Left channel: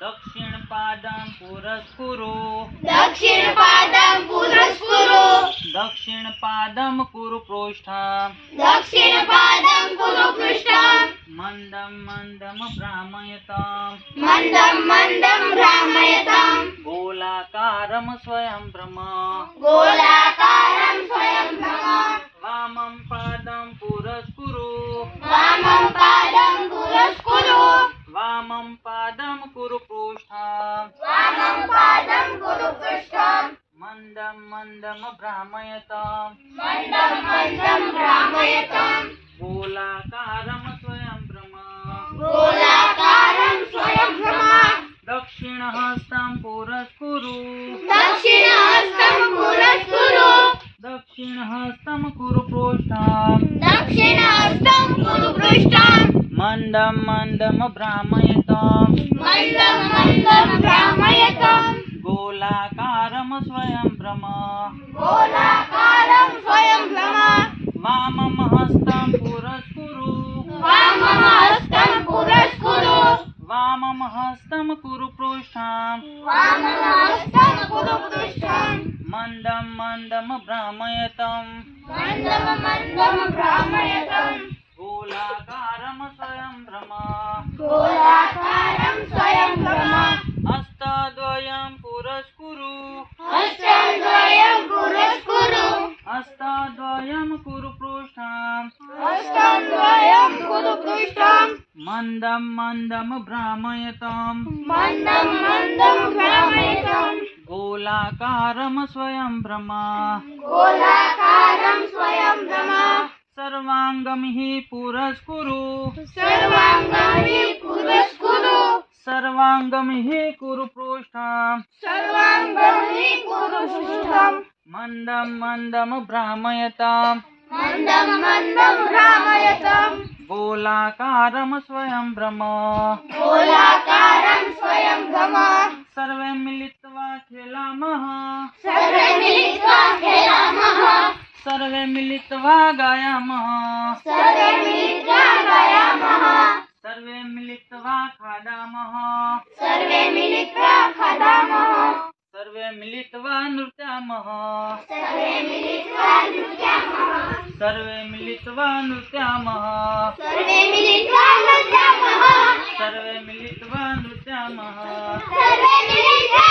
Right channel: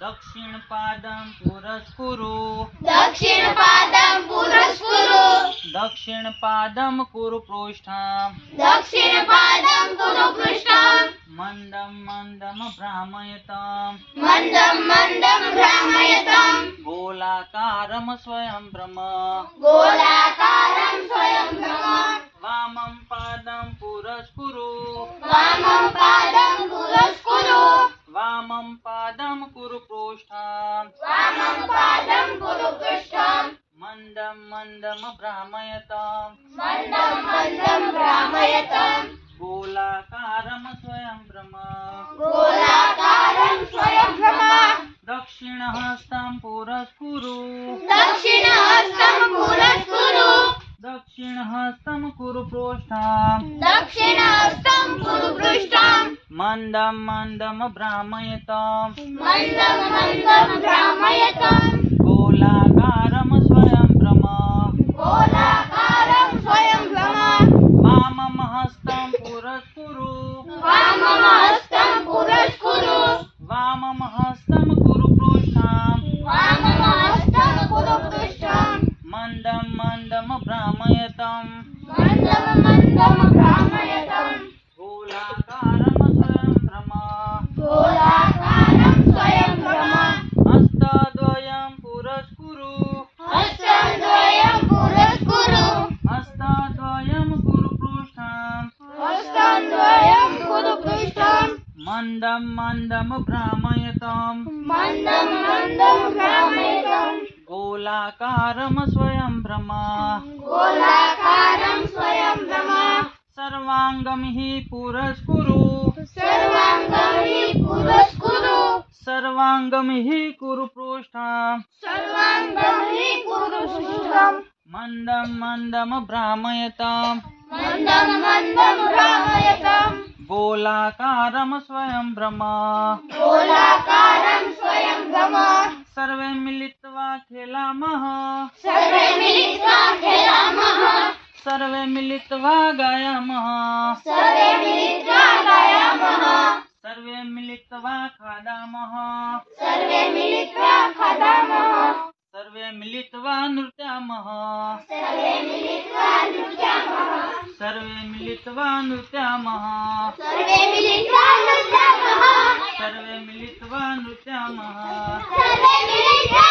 दक्षिणपादं पुरस्कुरु दक्षिणपादं पुरस्कुरु दक्षिणपादं कुरु पृष्ठं दक्षिणपादं कुरु पृष्ठं मन्दं मन्दं भ्रामयताम् मन्दं मन्दं भ्रामयताम् गोलाकारं स्वयं भ्रम गोलाकारं स्वयं भ्रम वामं पादं पुरस्कुरु वामं पादं पुरस्कुरु वामं पादं कुरु पृष्ठं वामं पादं कुरु पृष्ठं मन्दं मन्दं भ्रामयताम् मन्दं मन्दं भ्रामयताम् गोलाकारं स्वयं भ्रम गोलाकारं स्वयं भ्रम दक्षिणहस्तं पुरस्कुरु दक्षिणहस्तं पुरस्कुरु दक्षिणहस्तं कुरु पृष्ठं दक्षिणहस्तं कुरु पृष्ठं मन्दं मन्दं भ्रामयताम् मन्दं मन्दं भ्रामयताम् गोलाकारं स्वयं भ्रम गोलाकारं स्वयं भ्रम वामं हस्तं पुरस्कुरु वामं हस्तं पुरस्कुरु वामं हस्तं कुरु पृष्ठं वामं हस्तं कुरु पृष्ठं मन्दं मन्दं भ्रामयताम् मन्दं मन्दं भ्रामयताम् गोलाकारं स्वयं भ्रम गोलाकारं स्वयं भ्रम हस्तद्वयं पुरस्कुरु हस्तद्वयं पुरस्कुरु हस्तद्वयं कुरु पृष्ठं हस्तद्वयं कुरु पृष्ठं मन्दं मन्दं भ्रामयताम् मन्दं मन्दं भ्रामयताम् गोलाकारं स्वयं भ्रम गोलाकारं स्वयं भ्रम सर्वाङ्गं हि पुरस्कुरु सर्वाङ्गं हि पुरस्कुरु सर्वाङ्गं हि कुरु पृष्ठं सर्वाङ्गं हि कुरु पृष्ठं मन्दं मन्दं भ्रामयताम् मन्दं मन्दं भ्रामयताम् गोलाकारं स्वयं भ्रम गोलाकारं स्वयं भ्रम सर्वे मिलित्वा खेलामः सर्वे मिलित्वा खेलामः सर्वे मिलित्वा गायामः सर्वे मिलित्वा गायामः सर्वे मिलित्वा खादामः सर्वे मिलित्वा खादामः सर्वे मिलित्वा नृत्यामः सर्वे मिलित्वा नृत्यामः सर्वे मिलित्वा नृत्यामः सर्वे मिलित्वा नृत्यामः सर्वे मिलित्वा नृत्यामः सर्वे मिलित्वा